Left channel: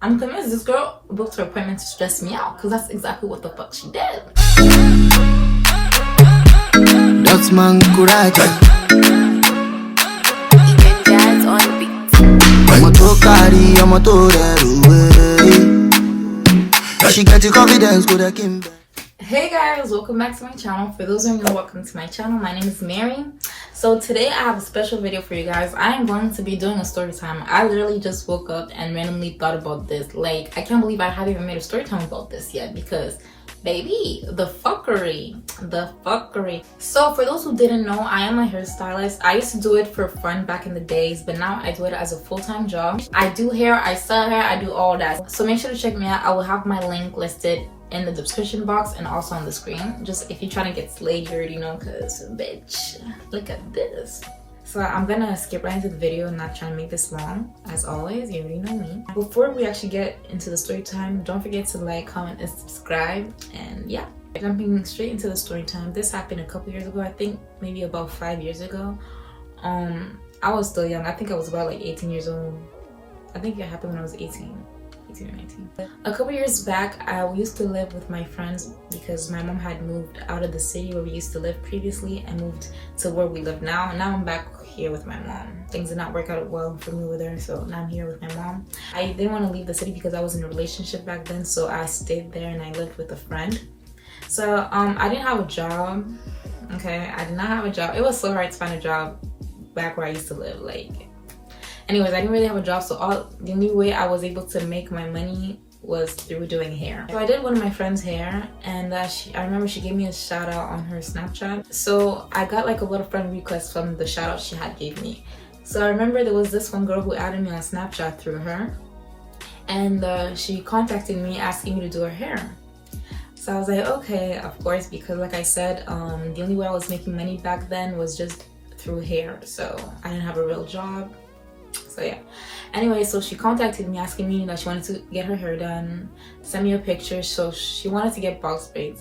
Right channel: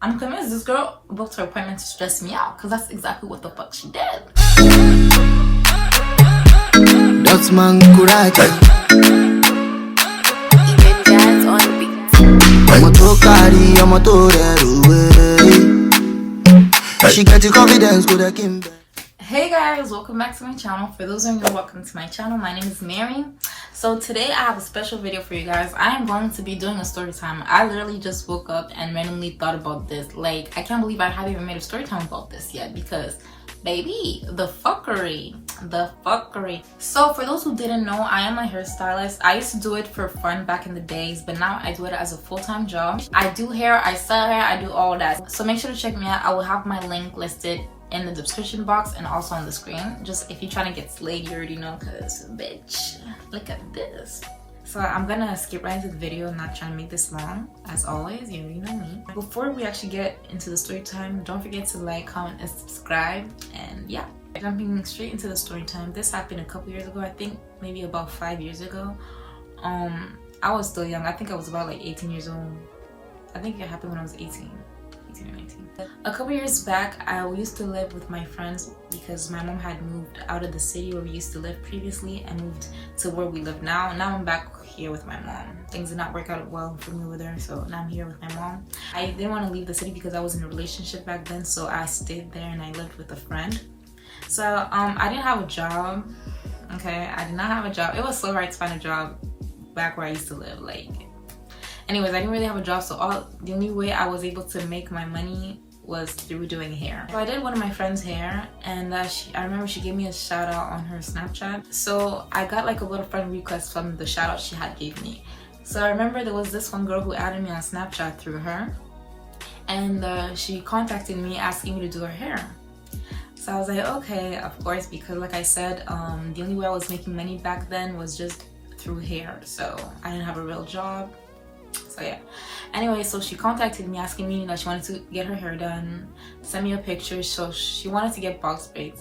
I'm convinced this girl booked her appointment to stress me out, because that's exactly what the fuck she did. That's man Kuraja. Even jazz on the beat. I'm a to carry, I'm a to away. She get the confidence, go to Kimber. Hey guys, welcome back to my channel. For those of you new, welcome to my channel. My name is Mary. So today I have a special video for you guys. I am going to be doing a story time. I literally just woke up and randomly thought about this. Like, I can't believe I haven't even made a story time about this yet, because baby, the fuckery. So for those who didn't know, I am a hairstylist. I used to do it for fun back in the days, but now I do it as a full-time job. I do hair, I sell hair, I do all that. So make sure to check me out. I will have my link listed in the description box and also on the screen. Just if you're trying to get slayed, you already know, because bitch, look at this. So I'm gonna skip right into the video. I'm not trying to make this long. As always, you already know me. Before we actually get into the story time, don't forget to like, comment, and subscribe. And yeah, jumping straight into the story time. This happened a couple years ago. I think maybe about 5 years ago. I was still young. I think I was about like 18 years old. I think it happened when I was 18 or 19. A couple years back, we used to live with my friends because my mom had moved out of the city where we used to live previously and moved to where we live now. Now I'm back here with my mom. Things did not work out well for me with her, so now I'm here with my mom. I didn't want to leave the city because I was in a relationship back then, so I stayed there and I lived with a friend. So I didn't have a job. Okay, I did not have a job. It was so hard to find a job back where I used to live. Like, anyways, I didn't really have a job, so the only way I was able to make my money was through doing hair. So I did one of my friend's hair, and I remember she gave me a shout out on her Snapchat. So I got like a little friend request from the shout out she had gave me. So I remember there was this one girl who added me on Snapchat through her, and she contacted me asking me to do her hair. So I was like, okay, of course, because like I said, the only way I was making money back then was just through hair. So I didn't have a real job. So yeah, anyway, so she contacted me asking me that she wanted to get her hair done, send me a picture. So she wanted to get box braids.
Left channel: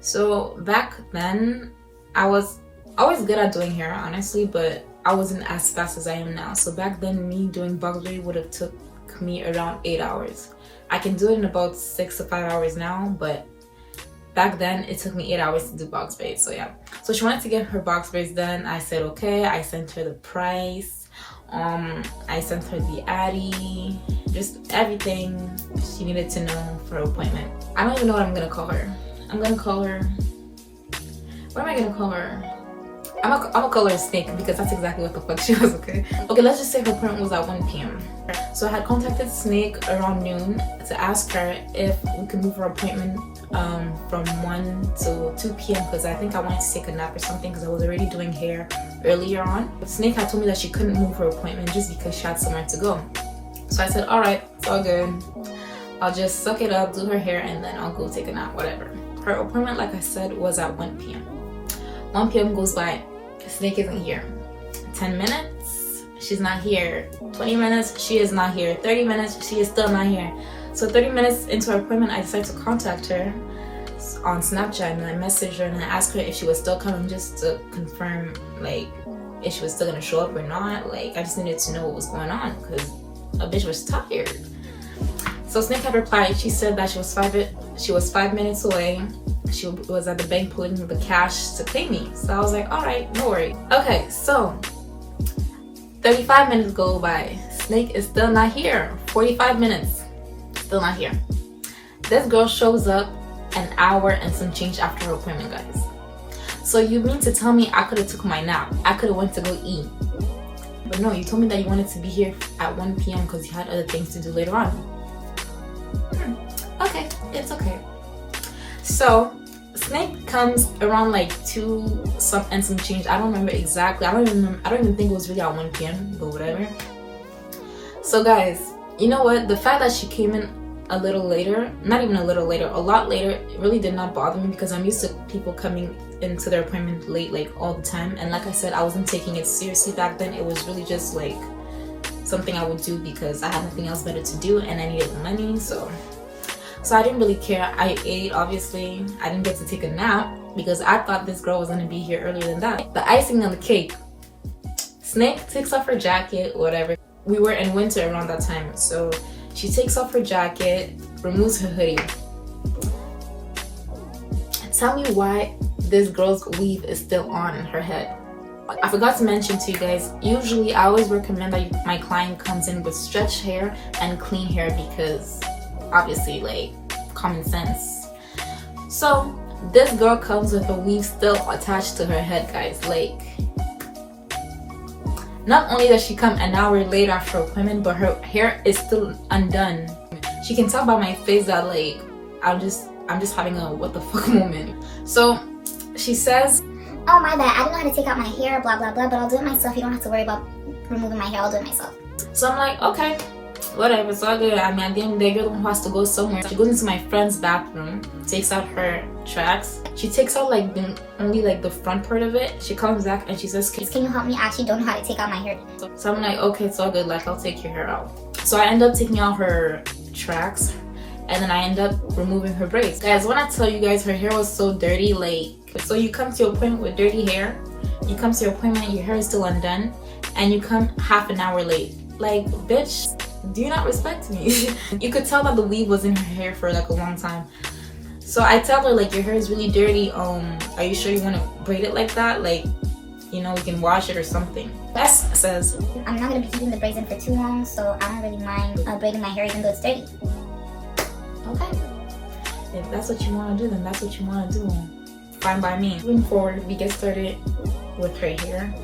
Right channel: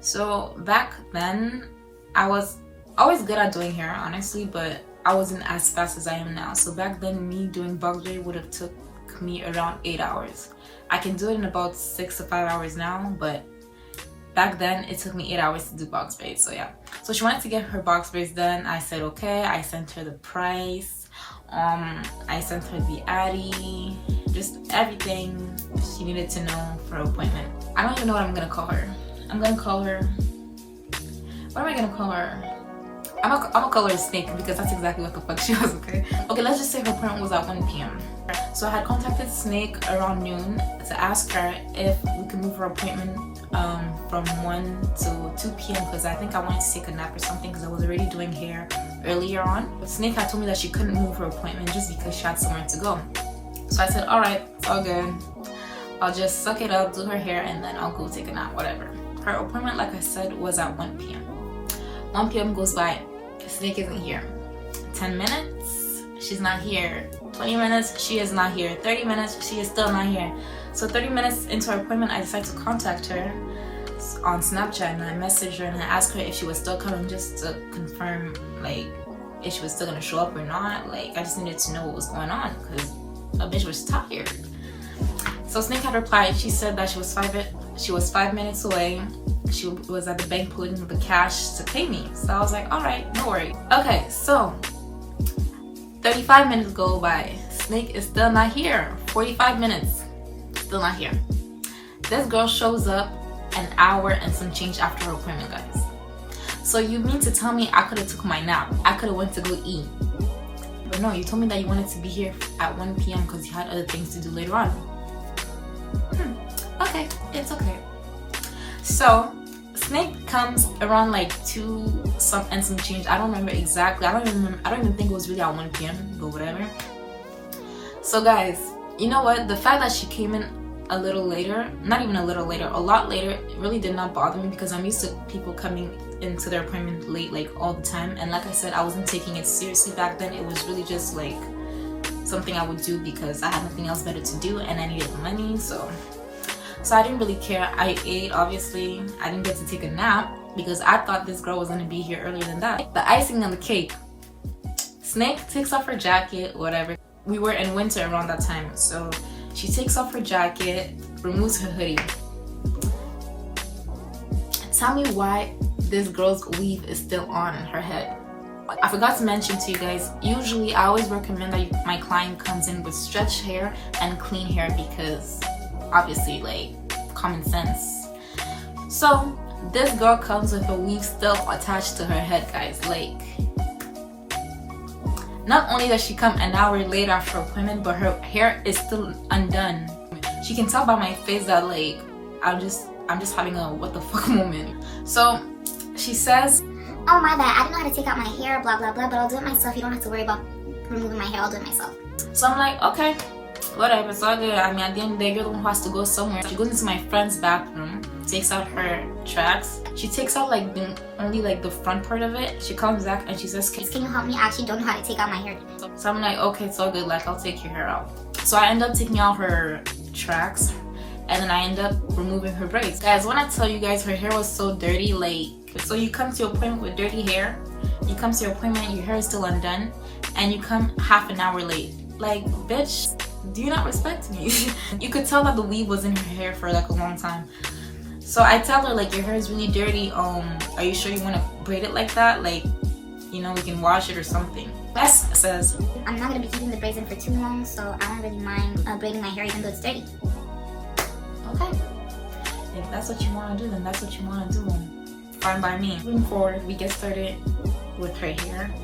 So back then I was always good at doing hair, honestly, but I wasn't as fast as I am now. So back then, me doing box braid would have took me around 8 hours. I can do it in about 6 to 5 hours now, but back then it took me 8 hours to do box braids. So yeah, so she wanted to get her box braids done. I said okay. I sent her the price. I sent her the addy, just everything she needed to know for her appointment. I don't even know what I'm gonna call her. I'm gonna call her, what am I gonna call her? I'm gonna call her Snake, because that's exactly what the fuck she was. Okay, let's just say her appointment was at 1 p.m. So I had contacted Snake around noon to ask her if we could move her appointment from 1 to 2 p.m. because I think I wanted to take a nap or something, because I was already doing hair earlier on. But Snake had told me that she couldn't move her appointment just because she had somewhere to go. So I said, all right, it's all good. I'll just suck it up, do her hair, and then I'll go take a nap, whatever. Her appointment, like I said, was at 1 p.m. 1 p.m. goes by, Snake isn't here. 10 minutes, she's not here. 20 minutes, she is not here. 30 minutes, she is still not here. So 30 minutes into her appointment, I decided to contact her on Snapchat, and I messaged her and I asked her if she was still coming, just to confirm like if she was still gonna show up or not. Like, I just needed to know what was going on, because a bitch was tired. So Snake had replied. She said that she was 5 minutes away. She was at the bank pulling the cash to pay me. So I was like, all right, no worries. Okay, so 35 minutes go by. Snake is still not here. 45 minutes, still not here. This girl shows up an hour and some change after her appointment, guys. So you mean to tell me I could have took my nap? I could have went to go eat. But no, you told me that you wanted to be here at 1 p.m. because you had other things to do later on. Okay, it's okay. So Snake comes around like 2 some change. I don't remember exactly. I don't even think it was really at 1 p.m. but whatever. So guys, you know what? The fact that she came in a little later, not even a little later, a lot later, it really did not bother me, because I'm used to people coming into their appointment late like all the time. And like I said, I wasn't taking it seriously back then. It was really just like something I would do because I had nothing else better to do and I needed the money. So I didn't really care. I ate, obviously. I didn't get to take a nap because I thought this girl was gonna be here earlier than that. The icing on the cake, Snake takes off her jacket, whatever. We were in winter around that time, so She takes off her jacket, removes her hoodie. Tell me why this girl's weave is still on in her head. I forgot to mention to you guys, usually I always recommend that my client comes in with stretched hair and clean hair because obviously, like, common sense. So this girl comes with a weave still attached to her head, guys. Like, not only does she come an hour later after her appointment, but her hair is still undone. She can tell by my face that, like, I'm just having a what the fuck moment. So she says, oh my bad, I don't know how to take out my hair, blah blah blah, but I'll do it myself. You don't have to worry about removing my hair, I'll do it myself. so I'm like, okay, whatever, it's all good. I mean, at the end of the day, you're the one who has to go somewhere. She goes into my friend's bathroom, takes out her tracks. She takes out like only like the front part of it. She comes back and she says, Can you help me? I actually don't know how to take out my hair. so I'm like, okay, it's all good, like, I'll take your hair out. So I end up taking out her tracks, and then I end up removing her braids. Guys, when I tell you guys, her hair was so dirty, like, so you come to your appointment with dirty hair, you come to your appointment, your hair is still undone, and you come half an hour late. Like, bitch, do you not respect me? You could tell that the weave was in her hair for like a long time. So I tell her, like, your hair is really dirty, are you sure you want to braid it like that? Like, you know, we can wash it or something. Bess says, I'm not going to be keeping the braids in for too long, so I don't really mind braiding my hair even though it's dirty. okay, if that's what you want to do, then that's what you want to do. Fine by me. Moving forward, we get started with her hair.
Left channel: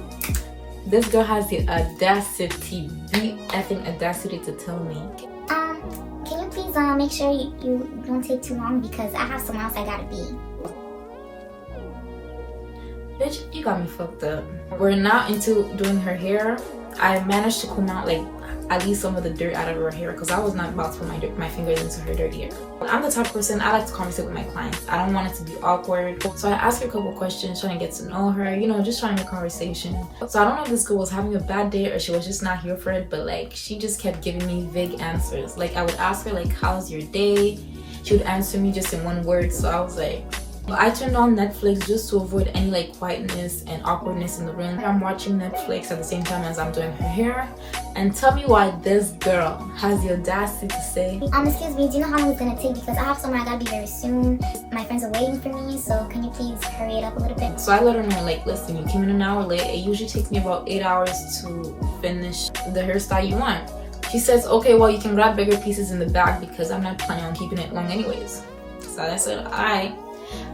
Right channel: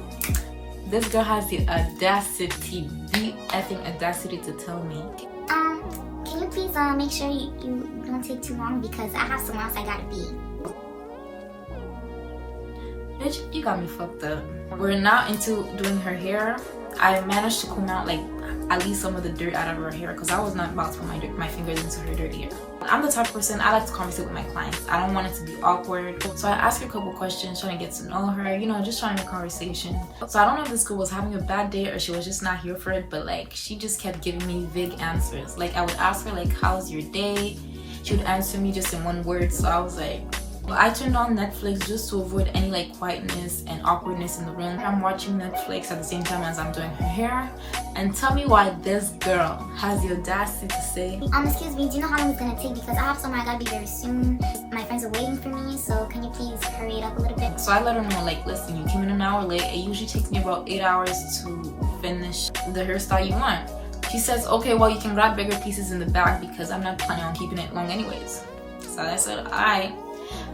This girl has the audacity, the effing audacity to tell me, Can you please make sure you don't take too long because I have somewhere else I gotta be. bitch, you got me fucked up. We're now into doing her hair. I managed to comb out like at least some of the dirt out of her hair because I was not about to put my fingers into her dirty hair. I'm the type of person, I like to conversate with my clients. I don't want it to be awkward. So I asked her a couple questions, trying to get to know her, you know, just trying to conversation. So I don't know if this girl was having a bad day or she was just not here for it, but like, she just kept giving me vague answers. Like, I would ask her like, how's your day? She would answer me just in one word. So I was like, I turned on Netflix just to avoid any like quietness and awkwardness in the room. I'm watching Netflix at the same time as I'm doing her hair. And tell me why this girl has the audacity to say, excuse me, do you know how long it's gonna take? Because I have somewhere I gotta be very soon. My friends are waiting for me, so can you please hurry it up a little bit? So I let her know, like, listen, you came in an hour late. It usually takes me about 8 hours to finish the hairstyle you want. She says, okay, well, you can grab bigger pieces in the back because I'm not planning on keeping it long anyways. So I said, alright.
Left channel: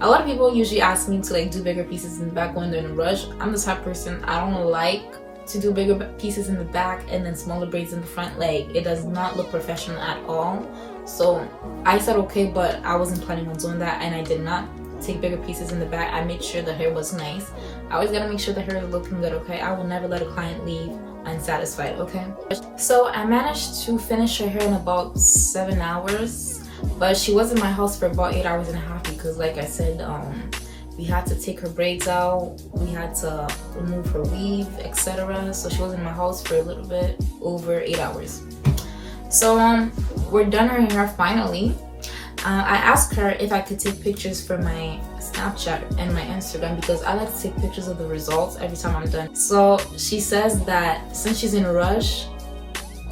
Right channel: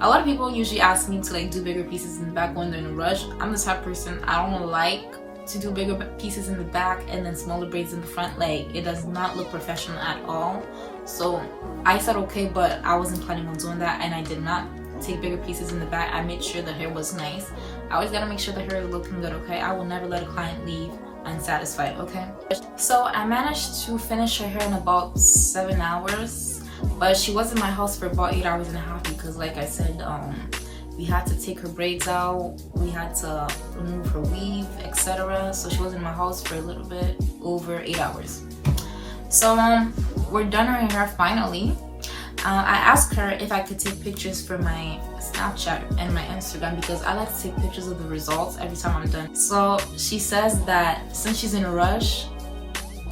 A lot of people usually ask me to like do bigger pieces in the back when they're in a rush. I'm the type of person, I don't like to do bigger pieces in the back and then smaller braids in the front. Like, it does not look professional at all. So I said okay, but I wasn't planning on doing that, and I did not take bigger pieces in the back. I made sure the hair was nice. I always gotta make sure the hair is looking good, okay? I will never let a client leave unsatisfied, okay? So I managed to finish her hair in about 7 hours, but she was in my house for about 8 hours and a half because, like I said, we had to take her braids out, we had to remove her weave, etc. So she was in my house for a little bit over 8 hours. So we're done her hair finally. I asked her if I could take pictures for my Snapchat and my Instagram because I like to take pictures of the results every time I'm done. So she says that since she's in a rush,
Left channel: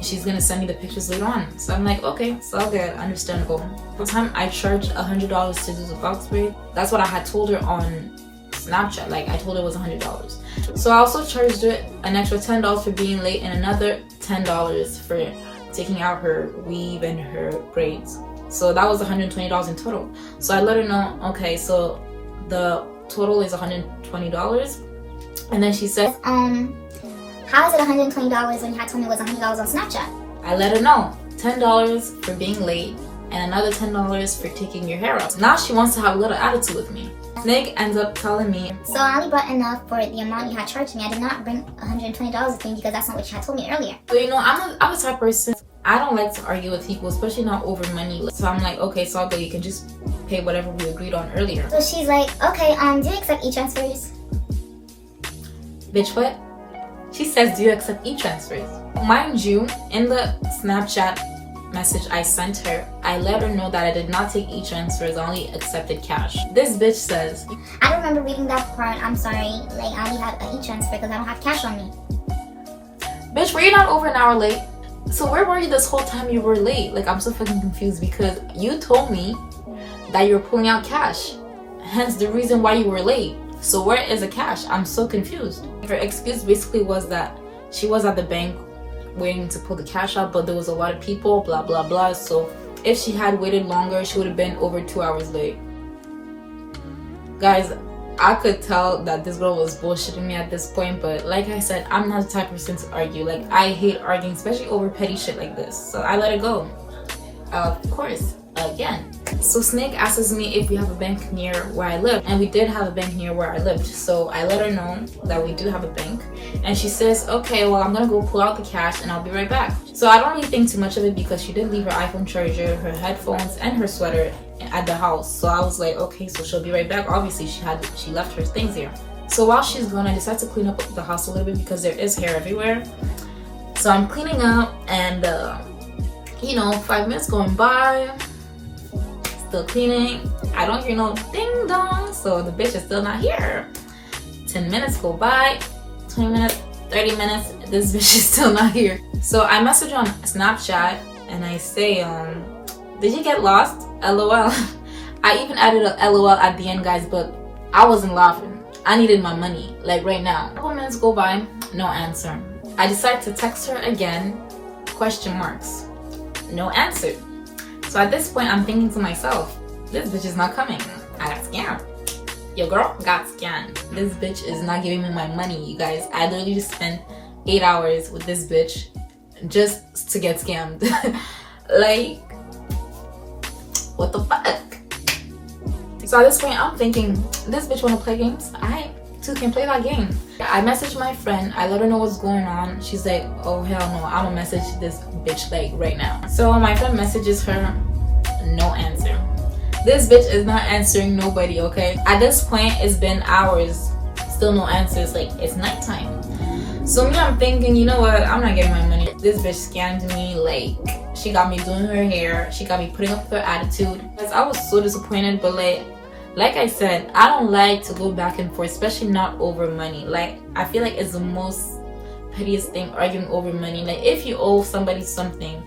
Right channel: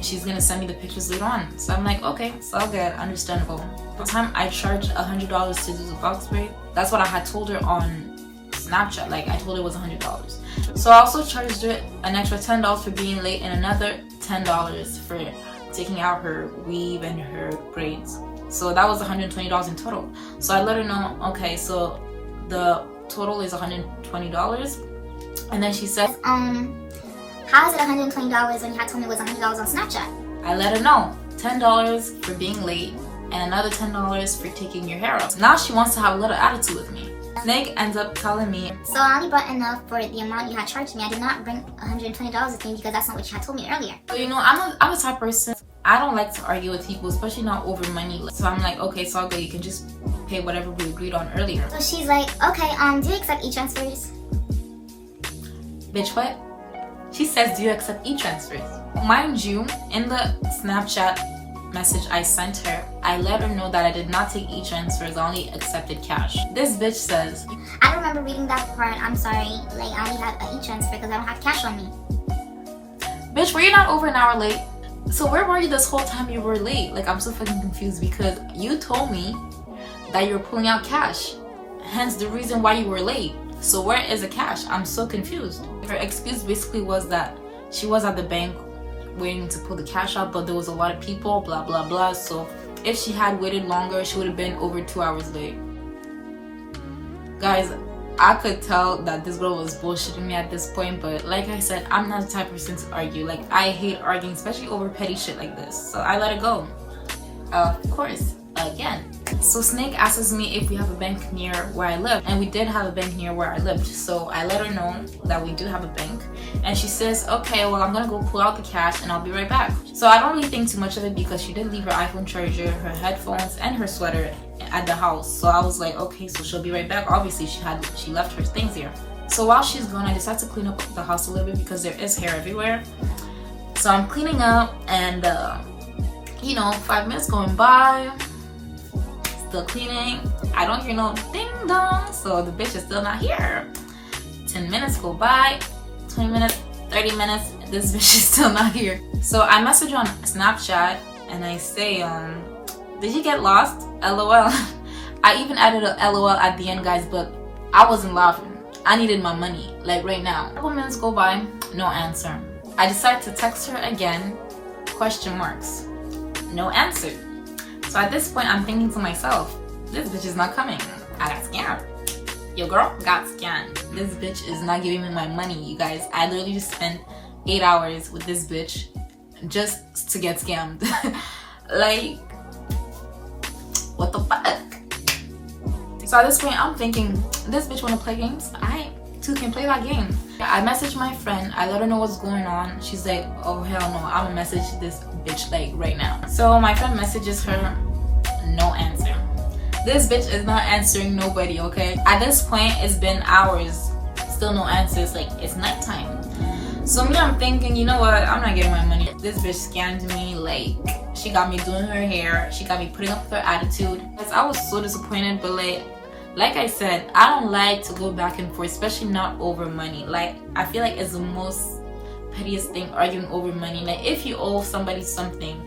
she's gonna send me the pictures later on. So I'm like, okay, it's all good, understandable. For the time I charged $100 to do the box braid. That's what I had told her on Snapchat. Like, I told her it was $100. So I also charged her an extra $10 for being late and another $10 for taking out her weave and her braids. So that was $120 in total. So I let her know, okay, so the total is $120. And then she said, how is it $120 when you had told me it was $100 on Snapchat? I let her know, $10 for being late and another $10 for taking your hair out. Now she wants to have a little attitude with me. Nick ends up telling me, so I only brought enough for the amount you had charged me. I did not bring $120 with me because that's not what you had told me earlier. So you know, I'm a type of person, I don't like to argue with people, especially not over money. So I'm like, okay, so I'll go, you can just pay whatever we agreed on earlier. So she's like, okay, do you accept e-transfers? Bitch, what? She says, do you accept e-transfers? Mind you, in the Snapchat message I sent her, I let her know that I did not take e-transfers, I only accepted cash. This bitch says, I don't remember reading that part, I'm sorry. Like, I only had an e-transfer because I don't have cash on me. Bitch, were you not over an hour late? So where were you this whole time you were late? Like, I'm so fucking confused because you told me that you were pulling out cash. Hence the reason why you were late. So where is the cash? I'm so confused. Her excuse basically was that she was at the bank waiting to pull the cash out, but there was a lot of people, blah blah blah. So if she had waited longer, she would have been over 2 hours late. Guys, I could tell that this girl was bullshitting me at this point, but like I said, I'm not the type of person to argue. Like, I hate arguing, especially over petty shit like this. So I let it go. Of course, again. So Snake asks me if we have a bank near where I live, and we did have a bank near where I lived. So I let her know that we do have a bank, and she says, okay, well, I'm gonna go pull out the cash and I'll be right back. So I don't really think too much of it because she did leave her iPhone charger, her headphones, and her sweater at the house. So I was like, okay, so she'll be right back. Obviously she left her things here. So while she's gone, I decided to clean up the house a little bit because there is hair everywhere. So I'm cleaning up, and 5 minutes going by, still cleaning. I don't hear no ding dong, so the bitch is still not here. 10 minutes go by, 20 minutes, 30 minutes, this bitch is still not here. So I message on Snapchat and I say, did you get lost? LOL. I even added a LOL at the end, guys, but I wasn't laughing. I needed my money, like right now. A couple minutes go by, no answer. I decided to text her again, question marks. No answer. So at this point, I'm thinking to myself, this bitch is not coming. I got scammed. Yo, girl got scammed. This bitch is not giving me my money, you guys. I literally just spent 8 hours with this bitch just to get scammed. Like, what the fuck? So at this point, I'm thinking, this bitch wanna play games? I too can play that game. I messaged my friend, I let her know what's going on. She's like, oh hell no, I'ma message this bitch like right now. So my friend messages her, no answer. This bitch is not answering nobody, okay? At this point, it's been hours, still no answers. Like, it's nighttime. So me, I'm thinking, you know what, I'm not getting my money. This bitch scammed me. Like, she got me doing her hair, she got me putting up with her attitude. I was so disappointed, but like I said, I don't like to go back and forth, especially not over money. Like, I feel like it's the most pettiest thing, arguing over money. Like, if you owe somebody something,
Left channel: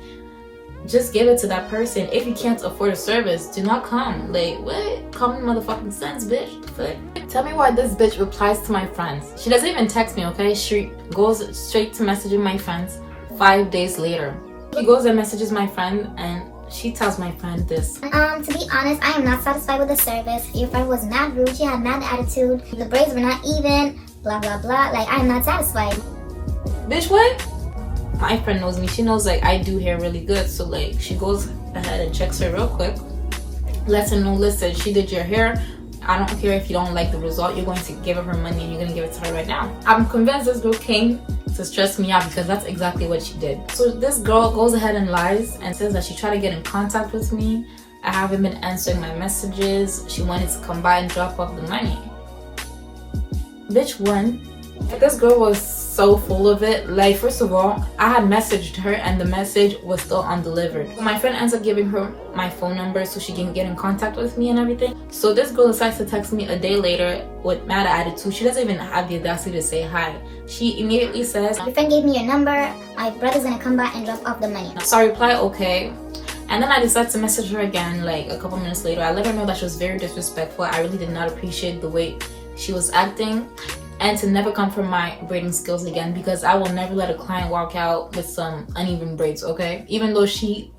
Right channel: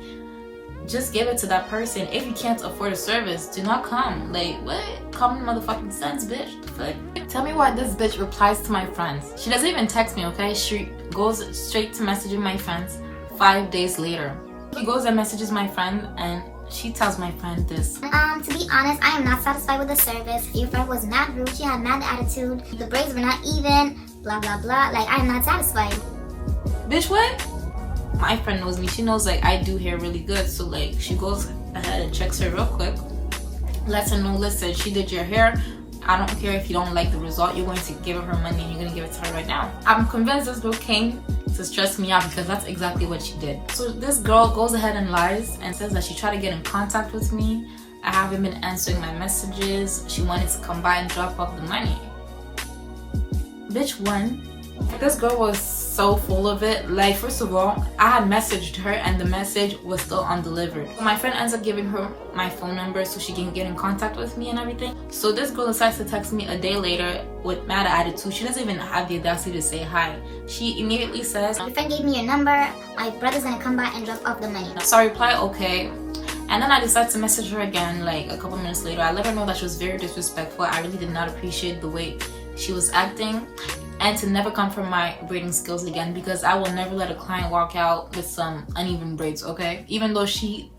just give it to that person. If you can't afford a service, do not come. Like, what? Common motherfucking sense, bitch. But tell me why this bitch replies to my friends. She doesn't even text me, okay? She goes straight to messaging my friends 5 days later. She goes and messages my friend, and she tells my friend this. To be honest, I am not satisfied with the service. Your friend was mad rude. She had mad attitude. The braids were not even. Blah, blah, blah. Like, I am not satisfied. Bitch, what? My friend knows me. She knows, like, I do hair really good. So, like, she goes ahead and checks her real quick. Lets her know, listen, she did your hair. I don't care if you don't like the result. You're going to give her money and you're going to give it to her right now. I'm convinced this girl came to stress me out because that's exactly what she did. So this girl goes ahead and lies and says that she tried to get in contact with me. I haven't been answering my messages. She wanted to come by and drop off the money. Bitch, one, this girl was so full of it. Like, first of all, I had messaged her and the message was still undelivered. My friend ends up giving her my phone number so she can get in contact with me and everything. So this girl decides to text me a day later with mad attitude. She doesn't even have the audacity to say hi. She immediately says, your friend gave me your number. My brother's gonna come by and drop off the money. So I reply, okay. And then I decided to message her again like a couple minutes later. I let her know that she was very disrespectful. I really did not appreciate the way she was acting, and to never come for my braiding skills again, because I will never let a client walk out with some uneven braids, okay? Even though she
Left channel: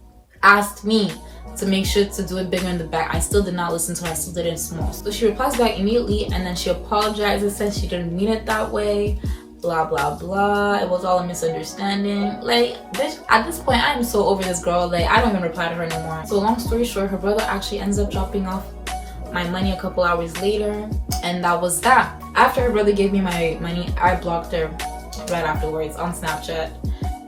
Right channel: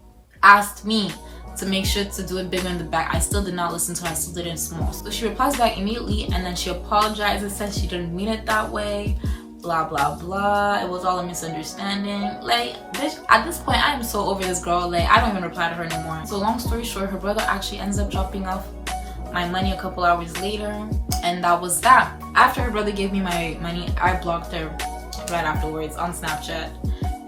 asked me to make sure to do it bigger in the back, I still did not listen to her. I still did it small. So she replies back immediately, and then she apologizes, says she didn't mean it that way, blah blah blah. It was all a misunderstanding. Like, bitch, at this point I am so over this girl. Like, I don't even reply to her anymore. So long story short, her brother actually ends up dropping off my money a couple hours later, and that was that. After her brother gave me my money, I blocked her right afterwards on Snapchat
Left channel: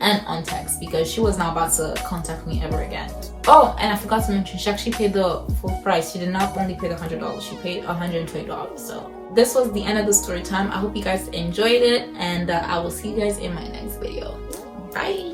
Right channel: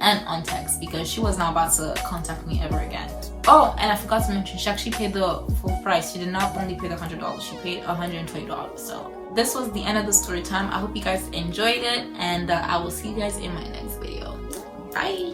and on text because she was not about to contact me ever again. Oh, and I forgot to mention, she actually paid the full price. She did not only pay the $100, she paid $120. So this was the end of the story time. I hope you guys enjoyed it, and I will see you guys in my next video. Bye.